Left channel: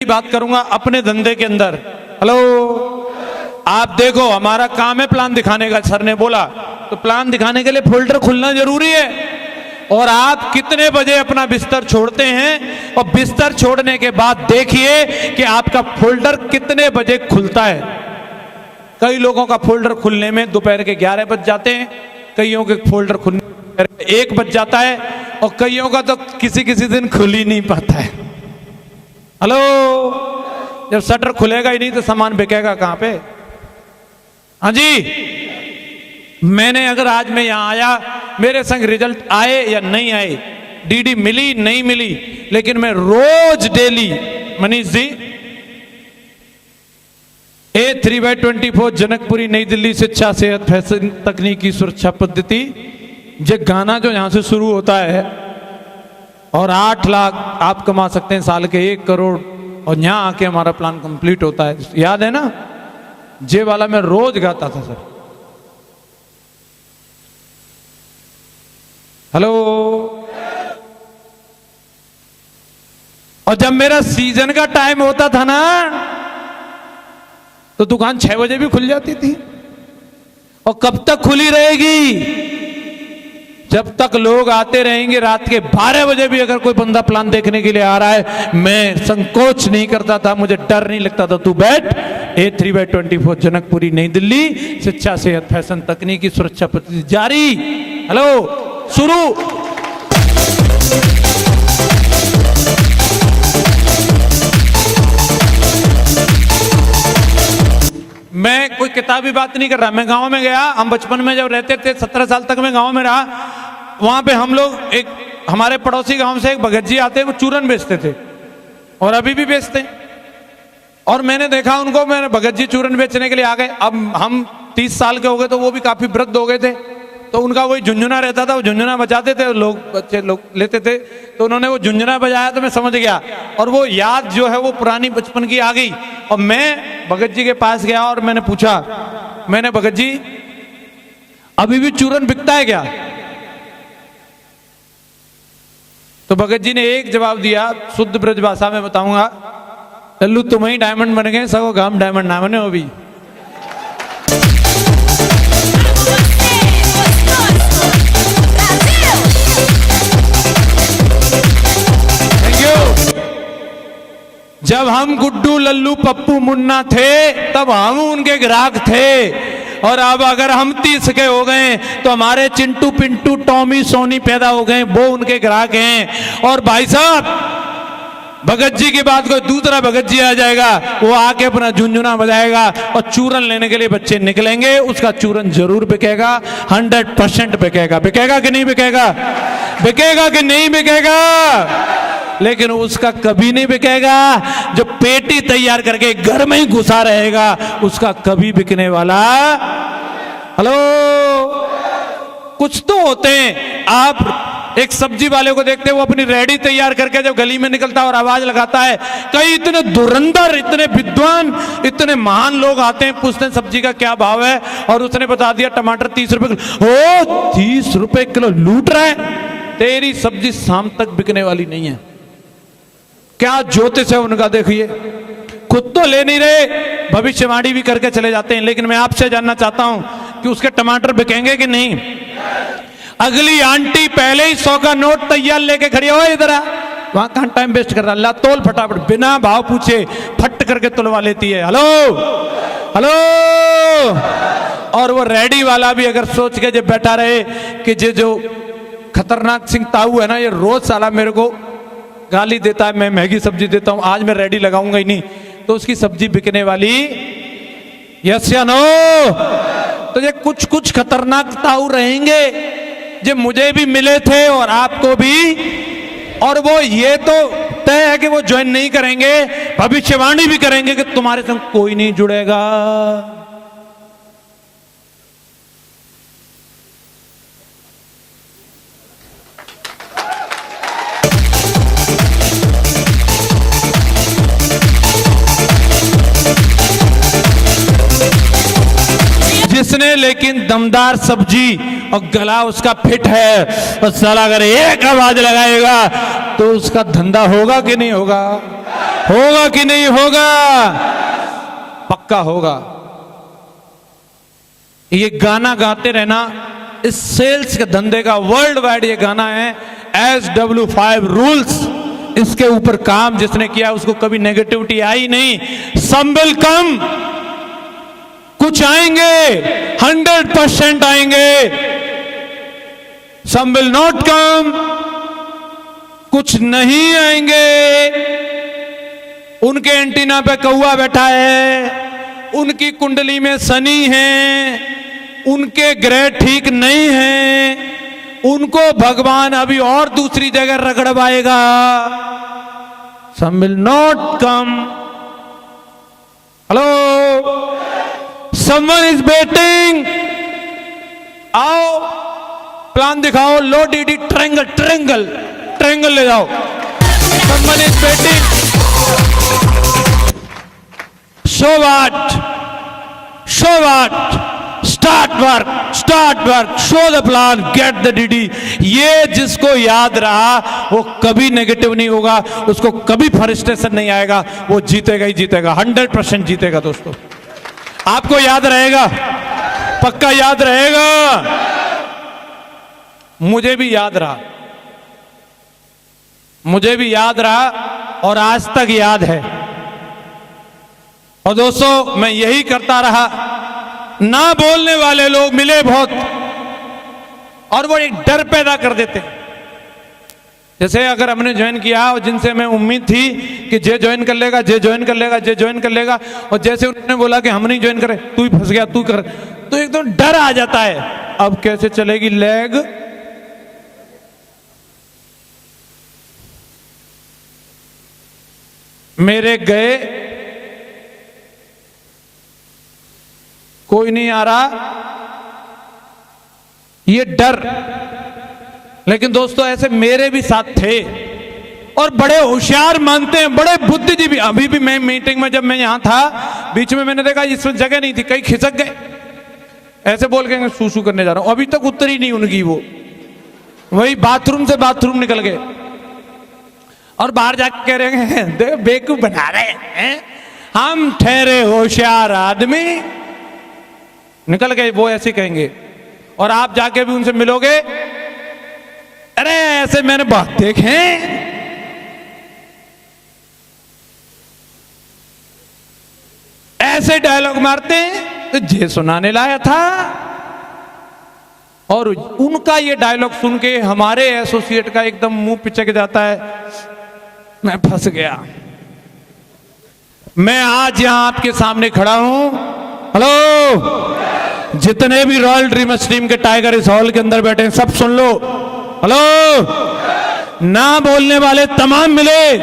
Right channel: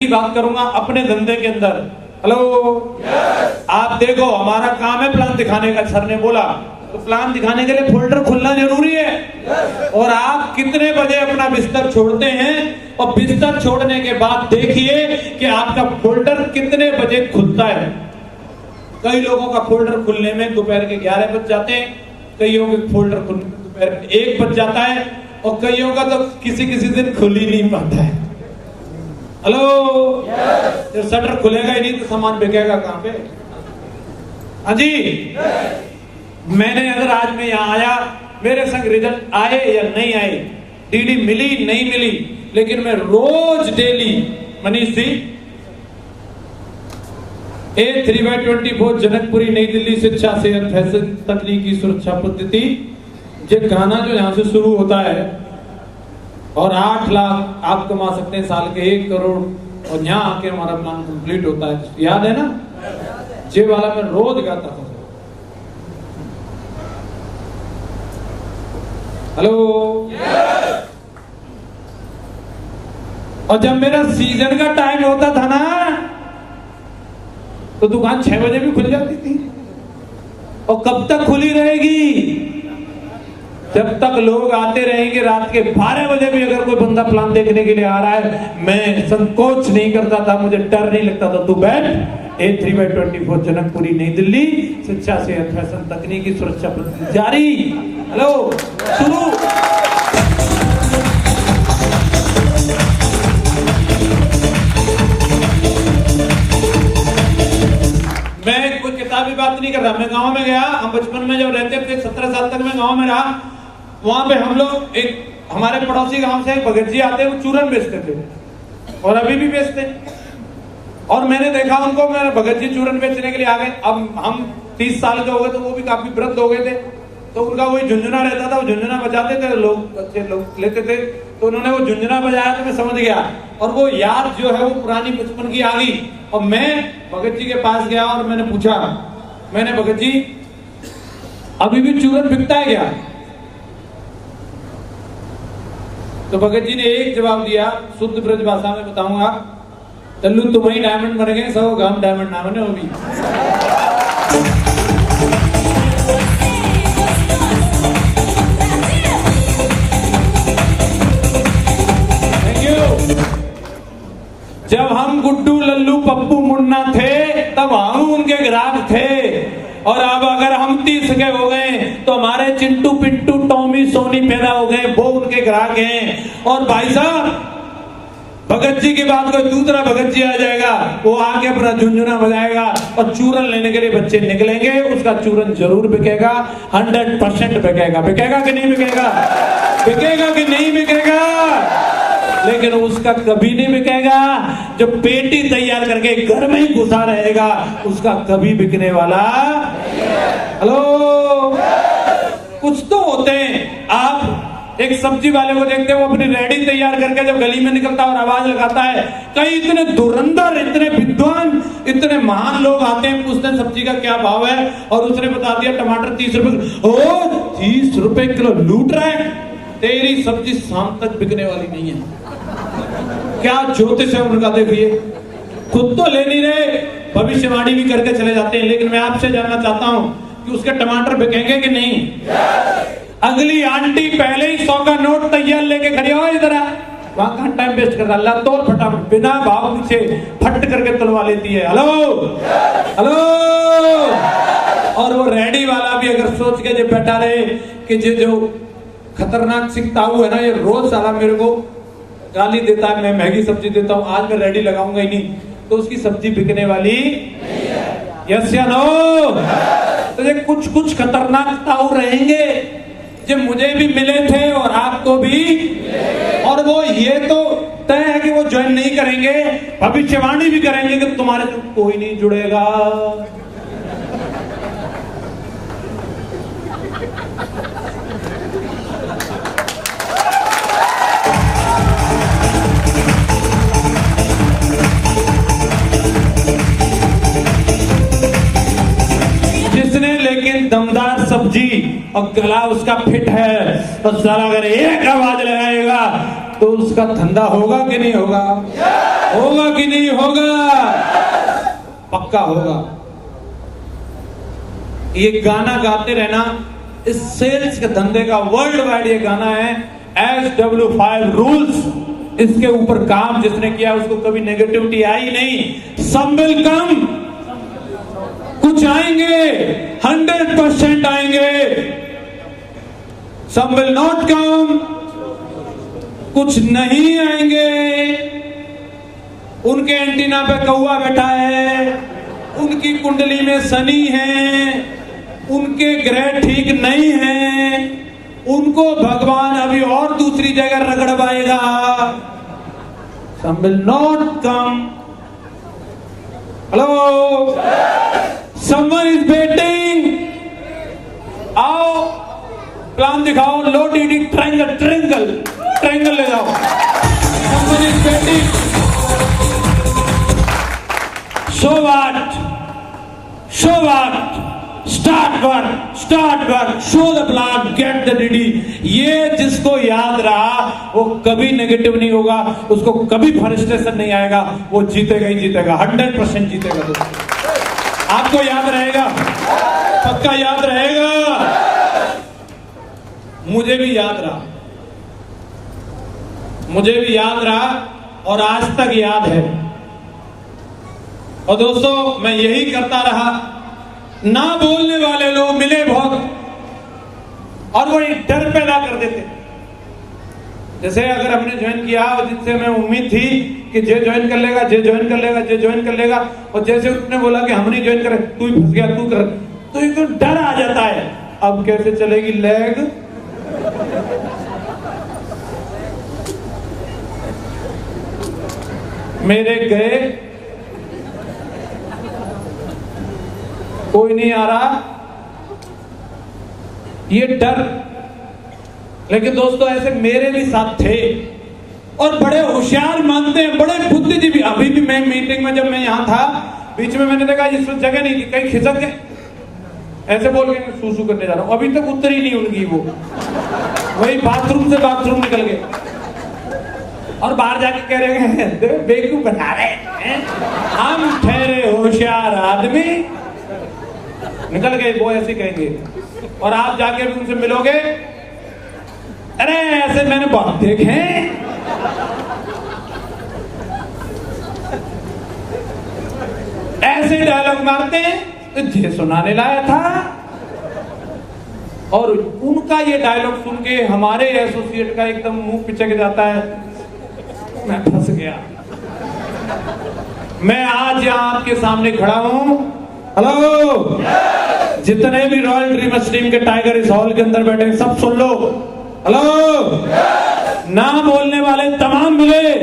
बात करूंगा अपने धंधे के अंदर। हेलो, आप देखो हमारा काम है प्लान दिखाने का। सर ने बोला तो प्लान दिखाने के लिए फोल्डर खुलना जरूरी है। और आप कितने बजे अपना बिस्तर छोड़ते हैं और बिस्तर छोड़ने के बाद देखिए कि आपका फोल्डर कितने बजे खुलता है। कई लोगों का फोल्डर खुलने में दोपहर के 11 बज जाते हैं, कईयों के फोल्डर खुलने 1 बज जाता है और कईयों का तो किसी किसी दिन खुल ही नहीं पाता है। हेलो, जब शटर खुलेगा ही नहीं तो सामान बिकेगा कहां पे? हाँ जी, मैंने अगर आज मैं यहां आया, मेरे संग रिजल्ट आए या नहीं आए, डीडी मिली नहीं मिली, लेकिन मैं रोज डेली मनीष जी A3/24 जनकपुरी नई दिल्ली शिक्षा सेहत फैशन तकनीकी सुरक्षा पद्धति, ये गाना जो यहां से शुरू होता है और 8 लाख आप कमा सकते हैं साल के, 1 करोड़, और यहां आके हमारा प्लान कंप्लीट होता है। याद है ना? जे वाला मैं रोज गाता था सर। हेलो, और जब मेरा सीजन का टाइम होता था ना तो दुकान 6 बजे भी खुल जाती थी। और कब तक खुली रहेगी? जब तक लोग आते रहेंगे। रात के 12 बजे भी अगर कोई बंदा प्लान देखने के लिए आ रहा है, मैं संकोच नहीं करता था, मुझे डर नहीं लगता था। तू बैठ, A3/24 जनकपुरी नई दिल्ली शिक्षा सेहत फैशन तकनीकी सुरक्षा पद्धति जारी। हेलो, शुरू। मैं कोई किताबी बात नहीं कर रहा। मैं गांव में गया, हम बचपन में जब रहते थे, 17 साल तक मैं गांव में रहा। वहां पे हम लोग हमारे पड़ोसी गांव से एक भगत जी आते, वो चूरन बेचते थे और अभी भी बेचते। और मैंने देखा उनको, मैंने भगत जी चूरन बेचने के लिए आ गए। अब हम 30 साल के हो गए तो वो भी काफी वृद्ध हो गए थे, तो उनका वही झुंझुना रहता था, वो झुंझुना बजाते थे, लोग बच्चे लोग लेते थे, तो उन्होंने वो झुंझुना बजाया तो मैं समझ गया। और वो याद जो है वो पुरानी बचपन की आ गई। और मैं भगत जी के पास गया और मैंने पूछा, मैंने भगत जी अभी भी चूरन बिकता है क्या? तो भगत जी ने एक जवाब दिया, शुद्ध ब्रज भाषा में बताऊंगा, लल्लू तुम ही डायमंड बन गए, सब गांव डायमंड ना बने। वो भी जब हम गुड्डू लल्लू पप्पू मुन्ना थे तब हम उनके ग्राहक थे। और अब अगर हम 30 के हो गए तो हमारे चिंटू पिंटू टॉमी सोनी पैदा हो गए, वो उनके ग्राहक हैं। और भाई साहब, भगत जी की बात कोई दूसरा भगत जी आ जाएगा, वो आके अपना झुंझुना बजाएगा और चूरन लेने के लिए बच्चे निकलेंगे, उसका चूरन जरूर बिकेगा, 100% बिकेगा। बिकेगा कि नहीं बिकेगा? बिकेगा कि नहीं बिकेगा? लेकिन उसका कभी नहीं बिकेगा जो पेटी तैयार करके घर में ही घुसा रहेगा, उसका कभी बिकने वाला। हेलो, कुछ तो होते हैं। आप एक सब्जी वाले को देखते हैं, वो अपनी रेडी तैयार करके जब गली में निकलता है और आवाज लगाता है, कई इतने धुरंधर, इतने विद्वान, इतने महान लोग आते हैं, पूछते हैं सब्जी का क्या भाव है, और उसने बता दिया टमाटर 30 रुपए। ओ 30 रुपए किलो लूट रहा है, तेरी सब्जी शाम तक बिकने वाली नहीं है। क्या ज्योतिष है उनका, देखिए। खुद तो ले नहीं रहे, भविष्यवाणी भी करके चले जाते हैं। लेकिन मैं आपसे जानना चाहता हूं कि उसके टमाटर बिकेंगे कि नहीं? अगली आंटी पहले ही 100 का नोट तैयार लेके खड़ी हो, इधर आ, वहां कहां टाइम वेस्ट कर रहा, तोल फटाफट, बिना भाव पूछे फट करके तोलवा लेती है। Hello hello. और वो रेडी वाला भी अगर सोच के जो बैठा रहे कि जो खतरनाक सिंह ताऊ है ना, ये रोज साला मेरे को गाली देता है, मैं महंगी सब्जी देता हूं, आज मैं रेडी लगाऊंगा ही नहीं, तो उसकी सब्जी बिकने वाली। यस या नो? तो ये कुछ खतरनाक ताऊ रहेंगे जो मुझे भी मिले थे और आपको भी, और वो ये तो तय है कि वो ज्वाइन नहीं करेंगे, भविष्यवाणी भी करेंगे कि तुम्हारे साथ कोई नहीं जुड़ेगा। जिसने लेकिन दमदार सब्जी और गला उसका फिट है, और साला अगर एक आवाज लगाएगा तो उसका धंधा होगा कि नहीं होगा? होगा कि नहीं होगा? पक्का होगा। ये गाना गाते रहना इस सेल्स के धंधे का वर्ल्ड वाइड ये गाना है। SW5 रूल्स, इसके ऊपर काम जिसने किया उसको कभी नेगेटिविटी आई नहीं। सम विल कम, कुछ आएंगे, 100% आएंगे। सम विल नॉट कम, कुछ नहीं आएंगे। उनके एंटीना पे कौवा बैठा है, उनकी कुंडली में शनि है, उनके ग्रह ठीक नहीं है, उनको भगवान अभी और दूसरी जगह रगड़वाएगा। Some will not come. Hello, someone is waiting. आओ, प्लान दिखाओ। लो डी ट्रायंगल ट्रायंगल ट्रायंगल ले जाओ। Someone is waiting. Show what? Show what? Start work, show the plan, get the DD। ये जिसको याद रहा वो कभी नेगेटिव नहीं होगा, उसको कभी फ्रस्ट्रेशन नहीं आएगा, वो जीतेगा ही जीतेगा, 100% जीतेगा। दोस्तों आपको याद रहेगा, पक्का याद रहेगा। मुझे भी याद रहा, मुझे भी याद रहा और आज तक याद है। और दोस्तों मैं यही करता रहा। ना बोलने वाले लोग मिले बहुत और वो एक डर पैदा कर देते। जैसे अगर हमने ज्वाइन किया, जिनसे मैं उम्मीद थी कि जे ज्वाइन कर लेगा, जे ज्वाइन कर लेगा, जे ज्वाइन कर लेगा, और जैसे उन्होंने बोला कि हम नहीं ज्वाइन करें, तू ही फंस गया, तू कर, तो एकदम तो डर आ जाता है। अब कैसे चलेगी लेग? मेरे गए, कोई नहीं आ रहा, ये डर। लेकिन दोस्तों ऐसे मेरे भी साथ थे और बड़े होशियार मानते हैं, बड़े बुद्धिजीवी। अभी भी मैं मीटिंग में, जब मैं यहां था, बीच में मैंने देखा इस जगह नहीं थी, कहीं खिसक गए, ऐसे बोल के सूसू करने जा रहा हूं। अभी तक उतरी नहीं उनकी, वो वही बाथरूम से बाथरूम निकल गए और बाहर जाके कह रहे हैं देखो बेवकूफ बना रहे हैं, हम ठहरे होशियार आदमी। निकल गए, वो ऐसे कहेंगे। और आप जाके भी उनसे मिलोगे, अरे ऐसे मैंने बात देखे, ऐसे डायलॉग मारते हैं तो ये सुनाने लाया था। और उनका ये डायलॉग सुन के हमारे एसोसिएट का एकदम मुंह पिचक जाता है, मैं फंस गया। मैं आज यहां आपके सामने खड़ा हूं। हेलो, जितने भी रॉयल ड्रीमर्स टीम के टाइगर इस हॉल के अंदर बैठे सब सुन लो। हेलो, ना बोलने वाले तमाम मिले,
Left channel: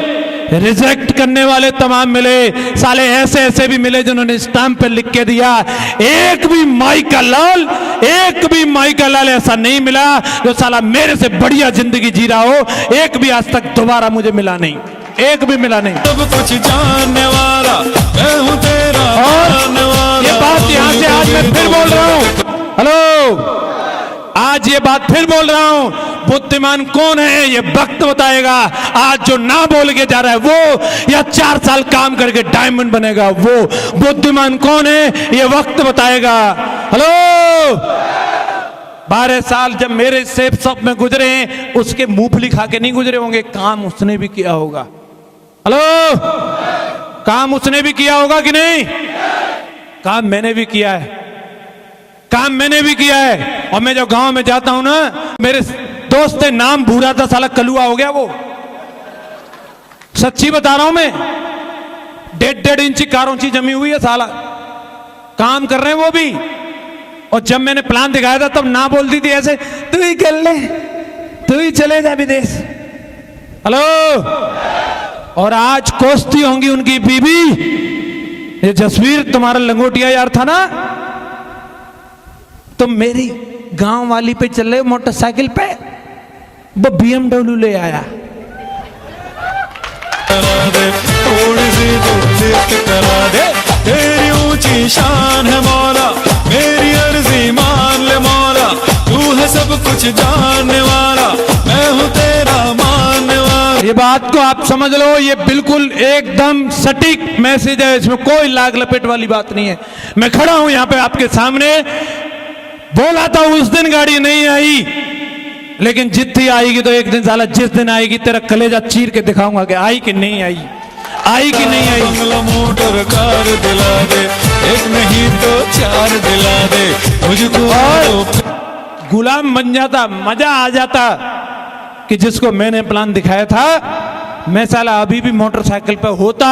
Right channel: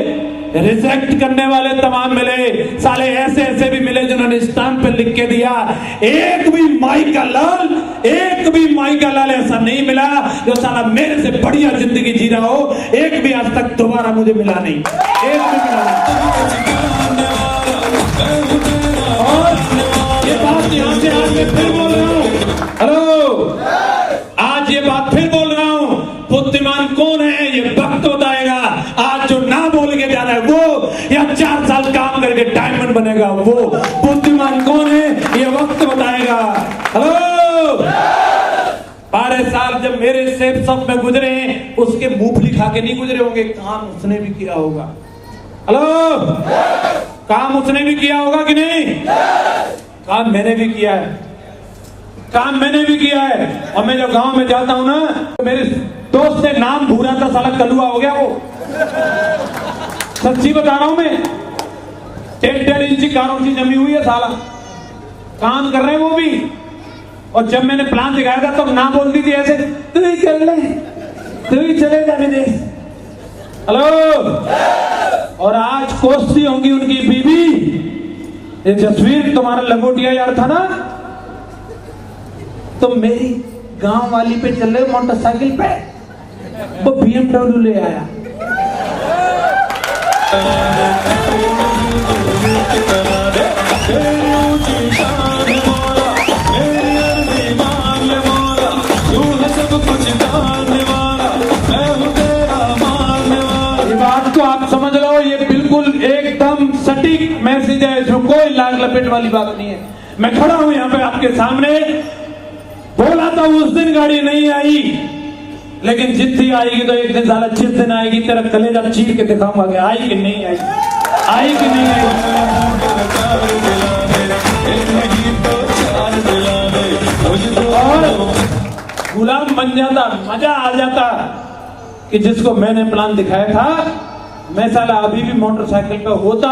रिजेक्ट करने वाले तमाम मिले, साले ऐसे ऐसे भी मिले जिन्होंने स्टैंप पे लिख के दिया। एक भी माइकल लाल ऐसा नहीं मिला जो साला मेरे से बढ़िया जिंदगी जी रहा हो। एक भी आज तक दोबारा मुझे मिला नहीं, एक भी मिला नहीं। सब कुछ जानने वाला मैं हूं तेरा, ये बात यहाँ से आज मैं फिर बोल रहा हूँ। हेलो, आज ये बात फिर बोल रहा हूं, बुद्धिमान कौन है ये वक्त बताएगा। आज जो ना बोल के जा रहा है वो, या 4 साल काम करके डायमंड बनेगा वो, बुद्धिमान कौन है ये वक्त बताएगा। हेलो, 12 साल जब मेरे सेफ शॉप में गुजरे, उसके मूंगफली खा के नहीं गुजरे होंगे, काम उसने भी किया होगा। हेलो, काम उसने भी किया होगा कि नहीं? काम मैंने भी किया है, काम मैंने भी किया है। और मैं जब गांव में जाता हूं ना, मेरे दोस्त ने नाम भूला था, साला कलुआ हो गया वो। सच्ची बता रहा हूं मैं, 1.5 इंची कारोची जमी हुई है साला, काम कर रहे हैं वो भी। और जब मैंने प्लान दिखाया था तब ना बोलती थी ऐसे, तू ही कर ले, तू ही चले जा विदेश। हेलो, और आज कोसती होंगी उनकी बीबी। ये जसवीर तुम्हारा लंगोटिया यार था ना, तो मेरी गांव वाली पे चले मोटरसाइकिल पे, वो BMW ले आया। ये बात को आप समझ लो, ये बिल्कुल एकदम सटीक मैसेज है, इसमें कोई लाग लपेट वाली बात नहीं है। मैं खड़ा हूं यहां पे आपके सामने, बोला था उस दिन गाड़ी नहीं आई, लेकिन जितनी आएगी तो एक दिन साला जिस दिन आएगी तेरा कलेजा चीर के दिखाऊंगा कि आई कि नहीं आई, आई कि नहीं आई। मोटर कार दिला दे, एक नहीं तो चार दिला दे, मुझको गुलाम बन जाता, मजा आ जाता कि जिसको मैंने प्लान दिखाया था, मैं साला अभी भी मोटरसाइकिल पे होता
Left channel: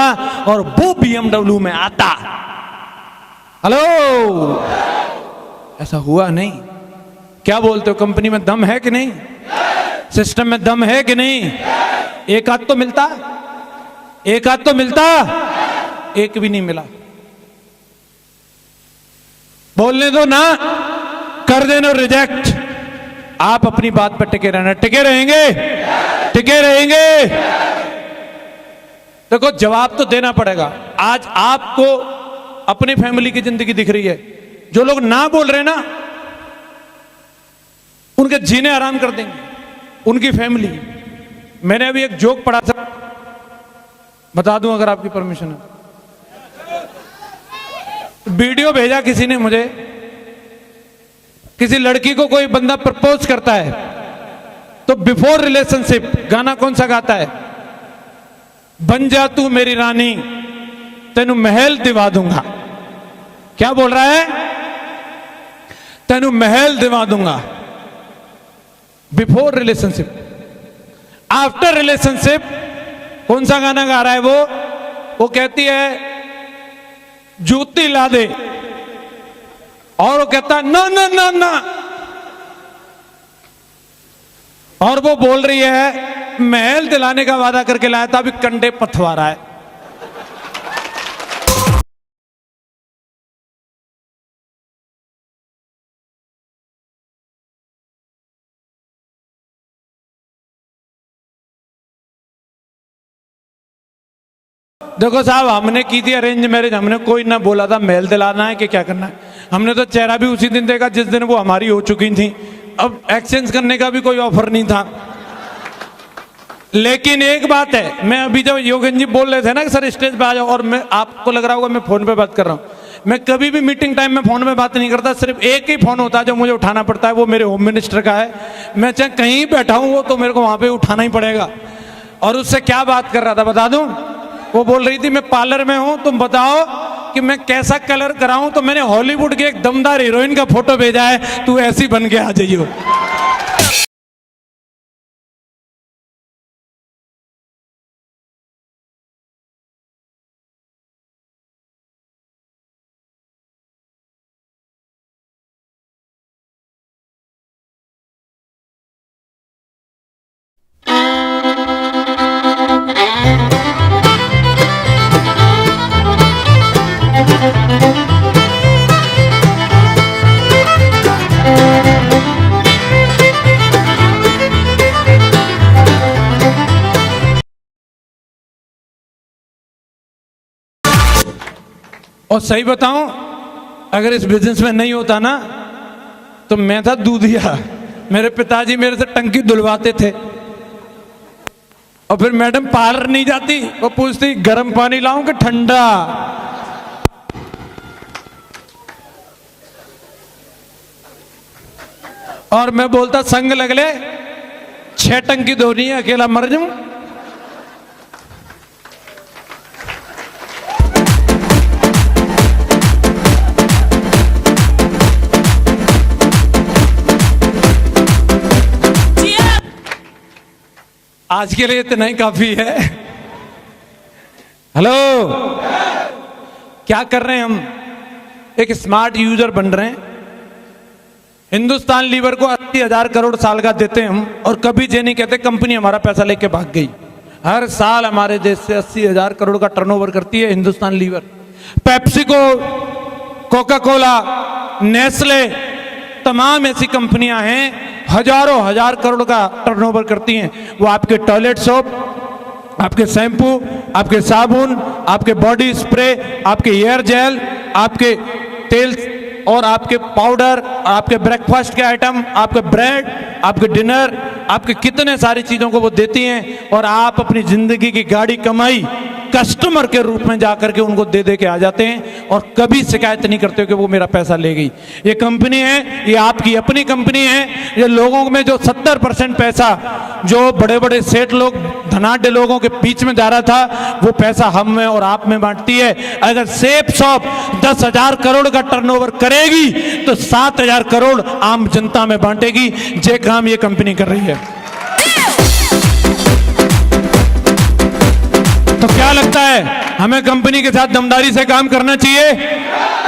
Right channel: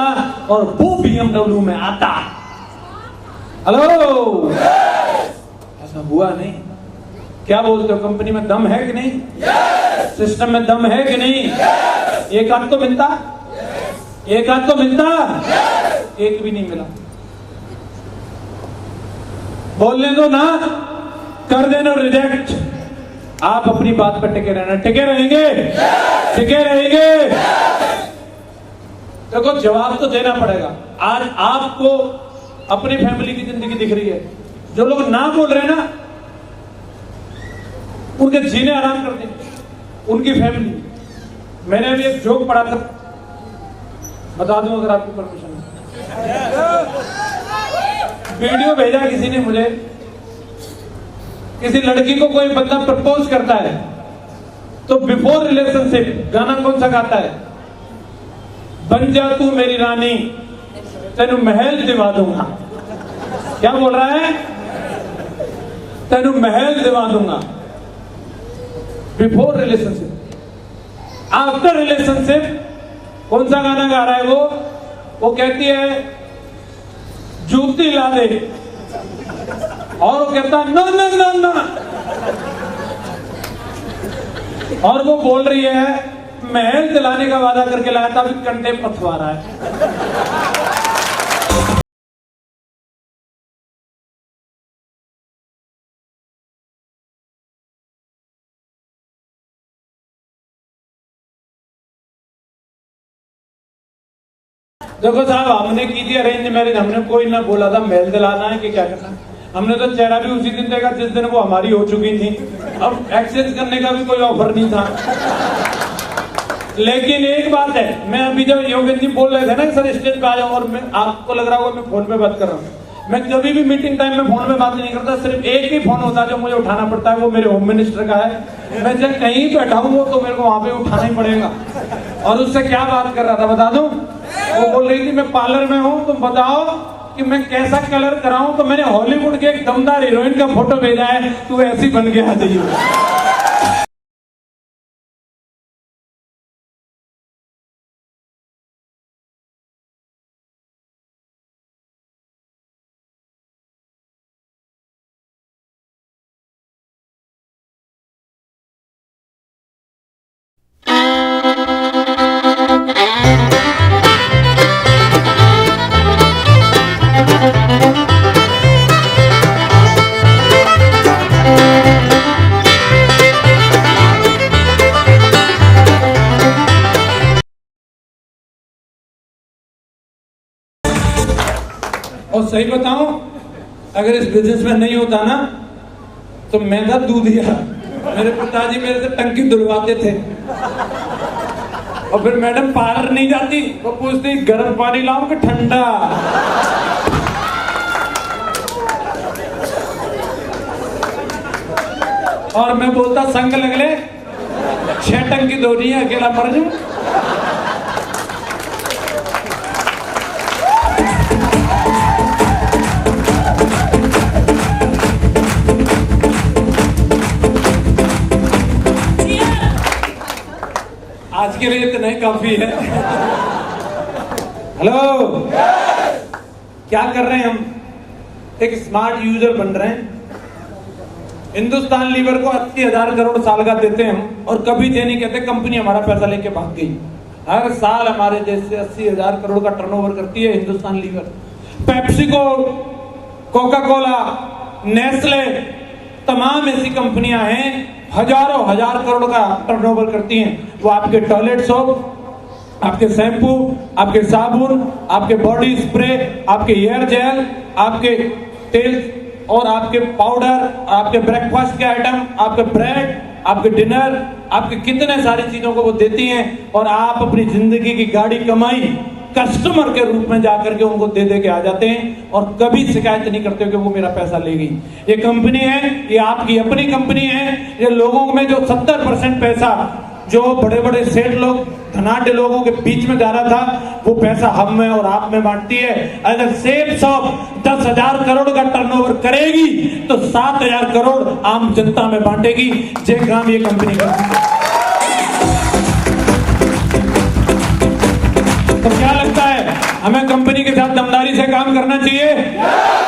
और वो BMW में आता। हेलो, ऐसा हुआ नहीं। क्या बोलते हो, कंपनी में दम है कि नहीं? सिस्टम में दम है कि नहीं? एक आध तो मिलता, एक आध तो मिलता, एक भी नहीं मिला। बोलने दो ना, कर देना रिजेक्ट। आप अपनी बात पर टिके रहना, टिके रहेंगे, टिके रहेंगे। देखो जवाब तो देना पड़ेगा। आज आपको अपनी फैमिली की जिंदगी दिख रही है, जो लोग ना बोल रहे ना उनके जीने आराम कर देंगे उनकी फैमिली। मैंने अभी एक जोक पढ़ा था, बता दूं अगर आपकी परमिशन है। वीडियो भेजा किसी ने मुझे, किसी लड़की को कोई बंदा प्रपोज करता है तो बिफोर रिलेशनशिप गाना कौन सा गाता है? बन जा तू मेरी रानी, तेनू महल दिवा दूंगा। क्या बोल रहा है? तेनू महल दिवा दूंगा। Before relationship. आफ्टर रिलेशनशिप कौन सा गाना गा रहा है वो कहती है जूती ला दे, और वो कहता ना ना ना ना, और वो बोल रही है महल दिलाने का वादा करके लाया था, अभी कंडे पथवा रहा है। देखो साहब, हमने की थी अरेंज मैरिज, हमने कोई ना बोला था महल दिलाना है कि क्या करना है। हमने तो चेहरा भी उसी दिन देखा जिस दिन वो हमारी हो चुकी थी। अब एक्सचेंज करने का भी कोई ऑफर नहीं था। लेकिन एक बात है, मैं अभी जब योगेन जी बोल रहे थे ना कि सर स्टेज पे आ जाओ, और मैं आपको लग रहा होगा मैं फोन पे बात कर रहा हूँ। मैं कभी भी मीटिंग टाइम में फोन में बात नहीं करता, सिर्फ एक ही फोन होता है जो मुझे उठाना पड़ता है, वो मेरे होम मिनिस्टर का है। मैं जब कहीं बैठा हूँ वो तो मेरे को वहां पे उठाना ही पड़ेगा। और उससे क्या बात कर रहा था बता दूं? वो बोल रही थी मैं पार्लर में हूं, तुम बताओ कि मैं कैसा कलर कराऊं। तो मैंने हॉलीवुड की एक दमदार हीरोइन का फोटो भेजा है, तू ऐसी बन के आ जाइयो। और सही बताऊं, अगर इस बिजनेस में नहीं होता ना तो मैं था दूधिया। मेरे पिताजी मेरे से टंकी धुलवाते थे, और फिर मैडम पार्लर नहीं जाती, वो पूछती गर्म पानी लाऊं कि ठंडा। और मैं बोलता संग लगले 6 टंकी धोनी है, अकेला मर जाऊं। आज के लिए इतना ही काफी है। हेलो, क्या कर रहे हैं हम? एक स्मार्ट यूजर बन रहे हैं। हिंदुस्तान लीवर को 80,000 करोड़ साल का देते हम, और कभी ये नहीं कहते कंपनी हमारा पैसा लेके भाग गई। हर साल हमारे देश से 80,000 करोड़ का टर्नओवर करती है Hindustan Lever. PepsiCo, Coca Cola, Nestle, तमाम ऐसी कंपनियां हैं हजारों हजार करोड़ का टर्नओवर करती हैं। वो आपके टॉयलेट सोप, आपके शैम्पू, आपके साबुन, आपके बॉडी स्प्रे, आपके हेयर जेल, आपके तेल और आपके पाउडर, आपके ब्रेकफास्ट के आइटम, आपके ब्रेड, आपके डिनर, आपके कितने सारी चीजों को वो देती हैं। और आप अपनी जिंदगी की गाड़ी कमाई कस्टमर के रूप में जाकर के उनको दे दे के आ जाते हैं और कभी शिकायत नहीं करते कि वो मेरा पैसा ले गई। ये कंपनी है, ये आपकी अपनी कंपनी है। ये लोगों में जो 70% पैसा जो बड़े बड़े सेठ लोग धनाढ़ लोगों के बीच में जा रहा था, वो पैसा हम में और आप में बांटती है। अगर सेफ शॉप 10,000 करोड़ का टर्नओवर करेगी तो 7,000 करोड़ आम जनता में बांटेगी। जे काम ये कंपनी कर रही है। तो क्या लगता है, हमें कंपनी के साथ दमदारी से काम करना चाहिए,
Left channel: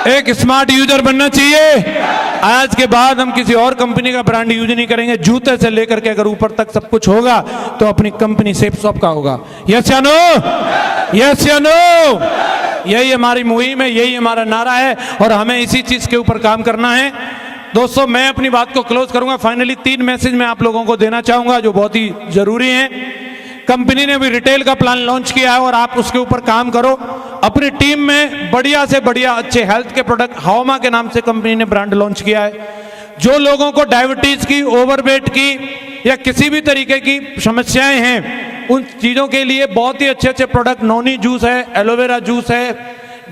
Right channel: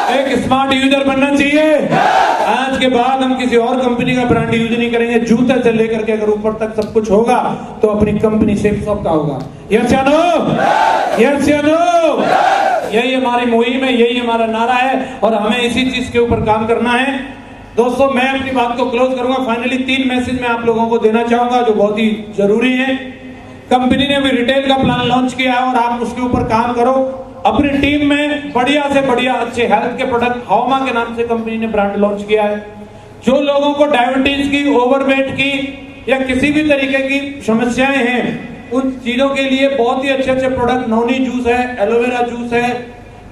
एक स्मार्ट यूजर बनना चाहिए। आज के बाद हम किसी और कंपनी का ब्रांड यूज नहीं करेंगे। जूते से लेकर के अगर ऊपर तक सब कुछ होगा तो अपनी कंपनी सेफ शॉप का होगा। यस या नो? यस या नो? यही हमारी मुहिम है, यही हमारा नारा है और हमें इसी चीज के ऊपर काम करना है। दोस्तों, मैं अपनी बात को क्लोज करूंगा। फाइनली 3 मैसेज मैं आप लोगों को देना चाहूंगा जो बहुत ही जरूरी है। कंपनी ने भी रिटेल का प्लान लॉन्च किया है और आप उसके ऊपर काम करो। अपनी टीम में बढ़िया से बढ़िया अच्छे हेल्थ के प्रोडक्ट, हाउमा के नाम से कंपनी ने ब्रांड लॉन्च किया है। जो लोगों को डायबिटीज की, ओवरवेट की या किसी भी तरीके की समस्याएं हैं, उन चीजों के लिए बहुत ही अच्छे अच्छे प्रोडक्ट, नोनी जूस है, एलोवेरा जूस है,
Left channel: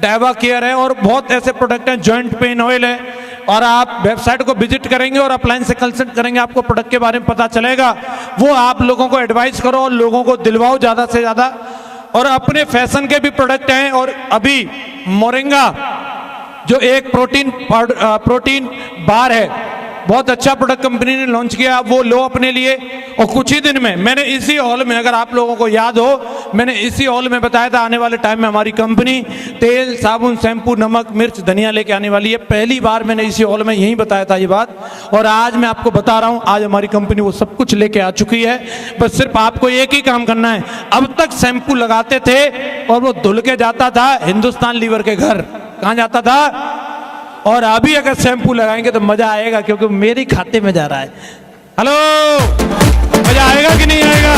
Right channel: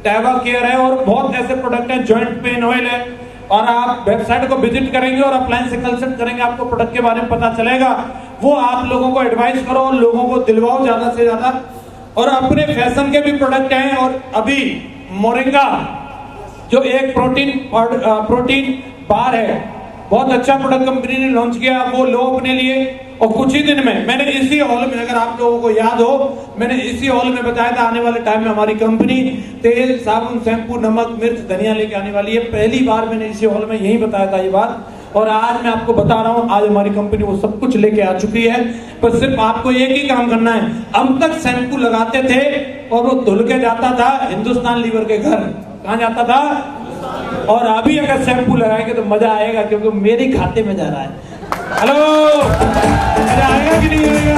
डाइवा केयर है और बहुत ऐसे प्रोडक्ट हैं, जॉइंट पेन ऑयल है। और आप वेबसाइट को विजिट करेंगे और अप्लायंस से कंसल्ट करेंगे, आपको प्रोडक्ट के बारे में पता चलेगा। वो आप लोगों को एडवाइस करो, लोगों को दिलवाओ ज्यादा से ज्यादा। और अपने फैशन के भी प्रोडक्ट हैं। और अभी मोरिंगा जो एक प्रोटीन बार है, बहुत अच्छा प्रोडक्ट कंपनी ने लॉन्च किया, वो लो अपने लिए। और कुछ ही दिन में मैंने इसी हॉल में, अगर आप लोगों को याद हो, मैंने इसी हॉल में बताया था आने वाले टाइम में हमारी कंपनी तेल, साबुन, शैम्पू, नमक, मिर्च, धनिया लेके आने वाली है। पहली बार मैंने इसी हॉल में यही बताया था ये बात, और आज मैं आपको बता रहा हूं, आज हमारी कंपनी वो सब कुछ लेके आ चुकी है। बस सिर्फ आपको एक ही काम करना है। अब तक शैम्पू लगाते थे और वो धुल के जाता था हिंदुस्तान लीवर के घर। कहां जाता था? और अभी अगर शैम्पू लगाएंगे तो मजा आएगा, क्योंकि मेरे खाते में जा रहा है। हेलो, मजा आएगा कि नहीं आएगा?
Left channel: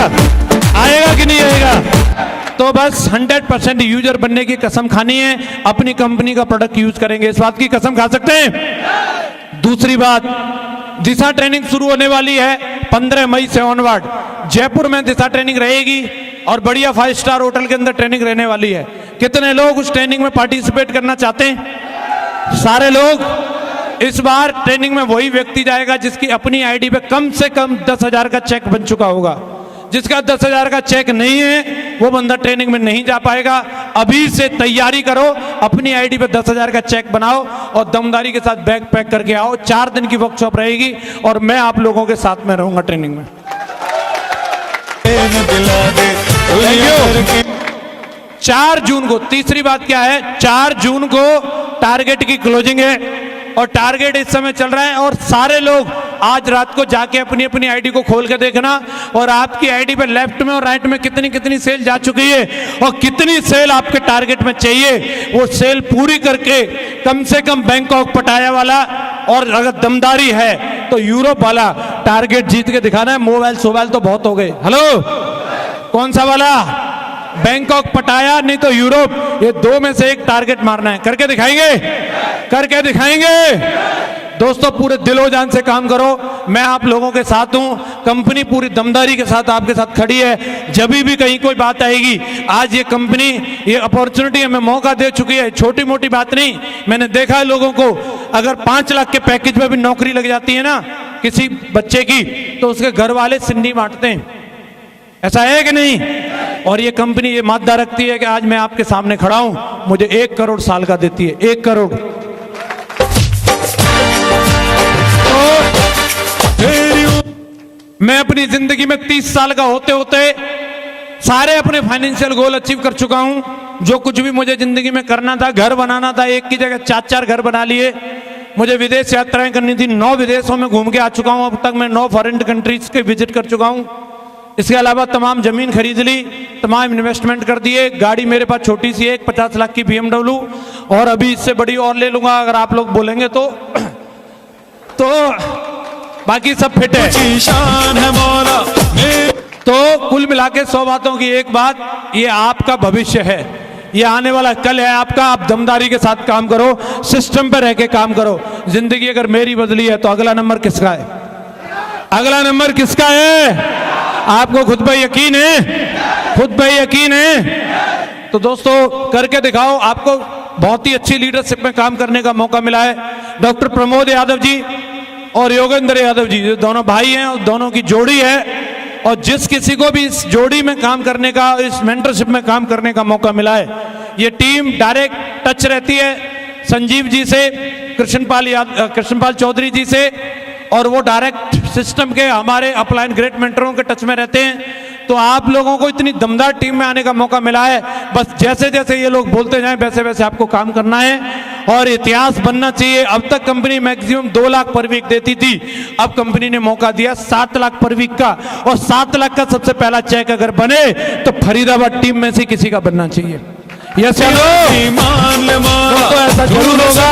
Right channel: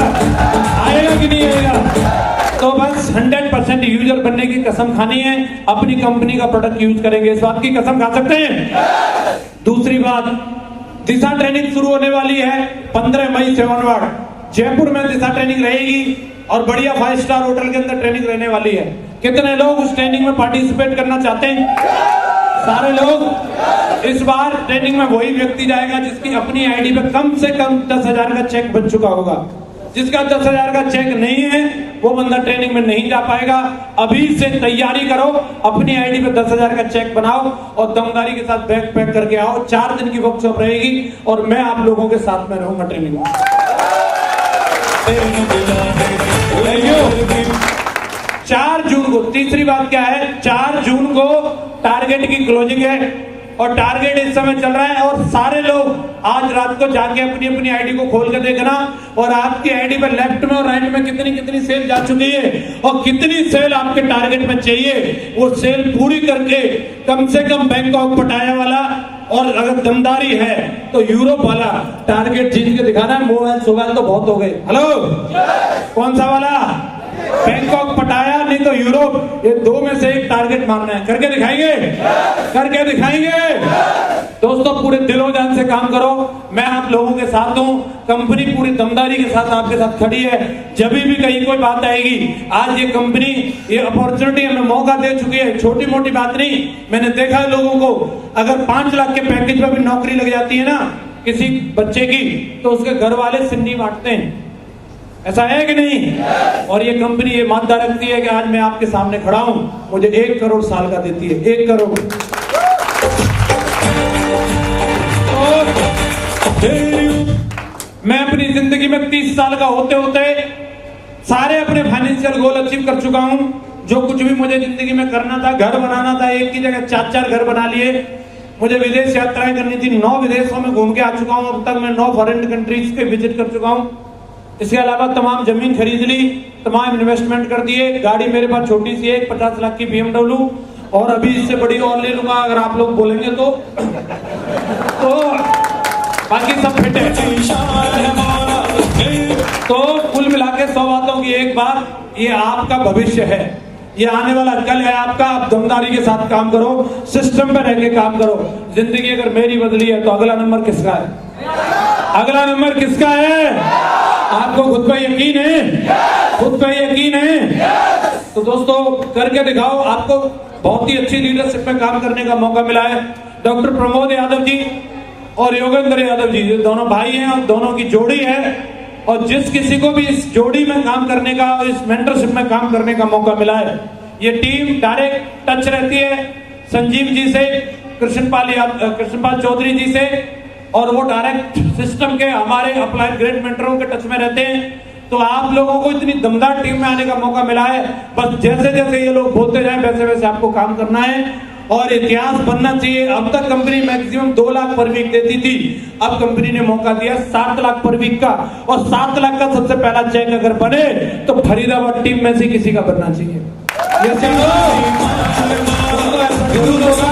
आएगा कि नहीं आएगा? तो बस 100% यूजर बनने की कसम खानी है, अपनी कंपनी का प्रोडक्ट यूज करेंगे, इस बात की कसम खा सकते हैं। दूसरी बात, दिशा ट्रेनिंग शुरू होने वाली है 15 मई से ऑनवर्ड। जयपुर में दिशा ट्रेनिंग रहेगी और बढ़िया 5 स्टार होटल के अंदर ट्रेनिंग रहने वाली है। कितने लोग उस ट्रेनिंग में पार्टिसिपेट करना चाहते हैं? सारे लोग। इस बार ट्रेनिंग में वही व्यक्ति जाएगा जिसकी अपनी आईडी पे कम से कम 10,000 का चेक बन चुका होगा। जिसका 10,000 का चेक नहीं है वो बंदा ट्रेनिंग में नहीं जा पाएगा। अभी से तैयारी करो, अपनी आईडी पे 10,000 का चेक बनाओ और दमदारी के साथ बैग पैक करके आओ। 4 दिन की वर्कशॉप रहेगी और मैं आप लोगों के साथ में रहूंगा ट्रेनिंग में। 4 जून को, तीसरी बात क्या है, 4 जून को टारगेट की क्लोजिंग है और टारगेट इस समय चल रहा है। और सारे लोग आज रात को जाके अपनी अपनी आईडी को खोल के देखना और आपकी आईडी पे लेफ्ट में और राइट में कितनी कितनी सेल जा चुकी है और कितनी सेल आपके टारगेट में चाहिए। वो सेल पूरी करके कम से कम बैंकॉक, पटाया वाला और अगर दमदारी है तो यूरोप वाला टारगेट जीत के दिखाना है। मोबाइल सोबाइल तो बहुत हो गए। हेलो, कौन सा वाला? बैंकॉक, पटाया, नहीं तो यूरोप। ये 2 में से एक टारगेट मारना है। करके दिखाएंगे? करके दिखाएंगे। दोस्तों, पूरे दिलो जान से काम करो। मैं आप लोगों के साथ हूं। कंपनी पूरी दमदारी के साथ आपके साथ खड़ी है। जब भी कहीं कोई बात आएगी, आज ये कंपनी ये अपॉर्चुनिटी हमें मौका दे चुकी है। छोटी मोटी बात नहीं। मैंने देखा है लोगों को, अगर 5 लाख के पैकेज में भी नौकरी लग जाती है ना किसी बच्चे की, तो उसके घर वाले सिंडी बांटते हैं। ऐसा है कि नहीं? और ये कंपनी ये मादा रखती है कि आज मैं आपके सामने खड़ा हूं, मुझे 1 करोड़ साल का देती है। 1 करोड़। मैं अपनी जिंदगी में 30 साल का होते होते सारे अपने फाइनेंशियल गोल अचीव कर चुका हूं। जो कुछ भी मुझे जिंदगी में करना था, घर बनाना था, एक की जगह 4-4 घर बना लिए। मुझे विदेश यात्राएं करनी थी, 9 विदेशों में घूम के आ चुका हूं। अब तक मैं 9 फॉरेन कंट्रीज के विजिट कर चुका हूं। इसके अलावा तमाम जमीन खरीद ली, तमाम इन्वेस्टमेंट कर दिए। गाड़ी मेरे पास छोटी सी है, 50 लाख की BMW, और अभी इससे बड़ी और ले लूंगा अगर आप लोग बोलेंगे तो बाकी सब फिट है। तो कुल मिला के 100 बातों की एक बात, ये आपका भविष्य है, ये आने वाला कल है आपका। आप दमदारी के साथ काम करो, सिस्टम पे रह के काम करो। जिंदगी अगर मेरी बदली है तो अगला नंबर किसका है? अगला नंबर किसका है? आपको खुद पे यकीन है? खुद पे यकीन है? तो दोस्तों करके दिखाओ। आपको बहुत ही अच्छी लीडरशिप में काम करने का मौका मिला है। डॉक्टर प्रमोद यादव जी और योगेंद्र यादव जी, जो दोनों भाई हैं और दोनों की जोड़ी है, और जिस किसी को भी इस जोड़ी में काम करने का, इस मेंटरशिप में काम करने का मौका मिला है, ये टीम डायरेक्ट टच रहती है संजीव जी से, कृष्णपाल चौधरी जी से, और वो डायरेक्ट सिस्टम के हमारे अपलाइन ग्रेट मेंटरों के टच में रहते हैं। तो आप लोगों को इतनी दमदार टीम में आने का मौका मिला है। बस जैसे जैसे ये लोग बोलते जाएं वैसे वैसे आपको काम करना है और इतिहास बनना चाहिए। अब तक कंपनी मैक्सिमम 2 लाख पर वीक देती थी, अब कंपनी ने मौका दिया 7 लाख पर वीक का, और 7 लाख का सबसे पहला चेक अगर बने तो फरीदाबाद टीम में से किसी का बनना चाहिए। यस ऐसा जरूर होगा।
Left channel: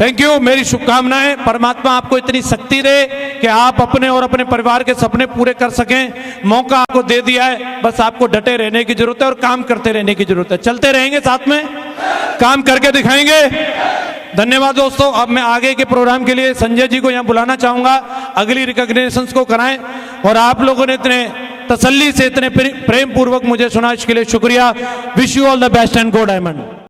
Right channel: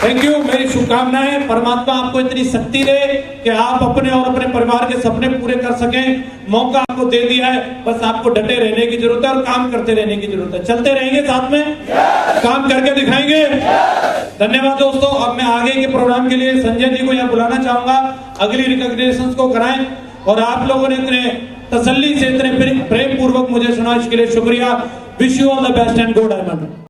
Thank you. मेरी शुभकामनाएं, परमात्मा आपको इतनी शक्ति दे कि आप अपने और अपने परिवार के सपने पूरे कर सकें। मौका आपको दे दिया है, बस आपको डटे रहने की जरूरत है और काम करते रहने की जरूरत है। चलते रहेंगे साथ में, काम करके दिखाएंगे। धन्यवाद दोस्तों। अब मैं आगे के प्रोग्राम के लिए संजय जी को यहाँ बुलाना चाहूंगा, अगली रिकॉग्निशन को कराएं। और आप लोगों ने इतने तसल्ली से, इतने प्रेम पूर्वक मुझे सुना, इसके लिए शुक्रिया। Wish you all the best and go diamond.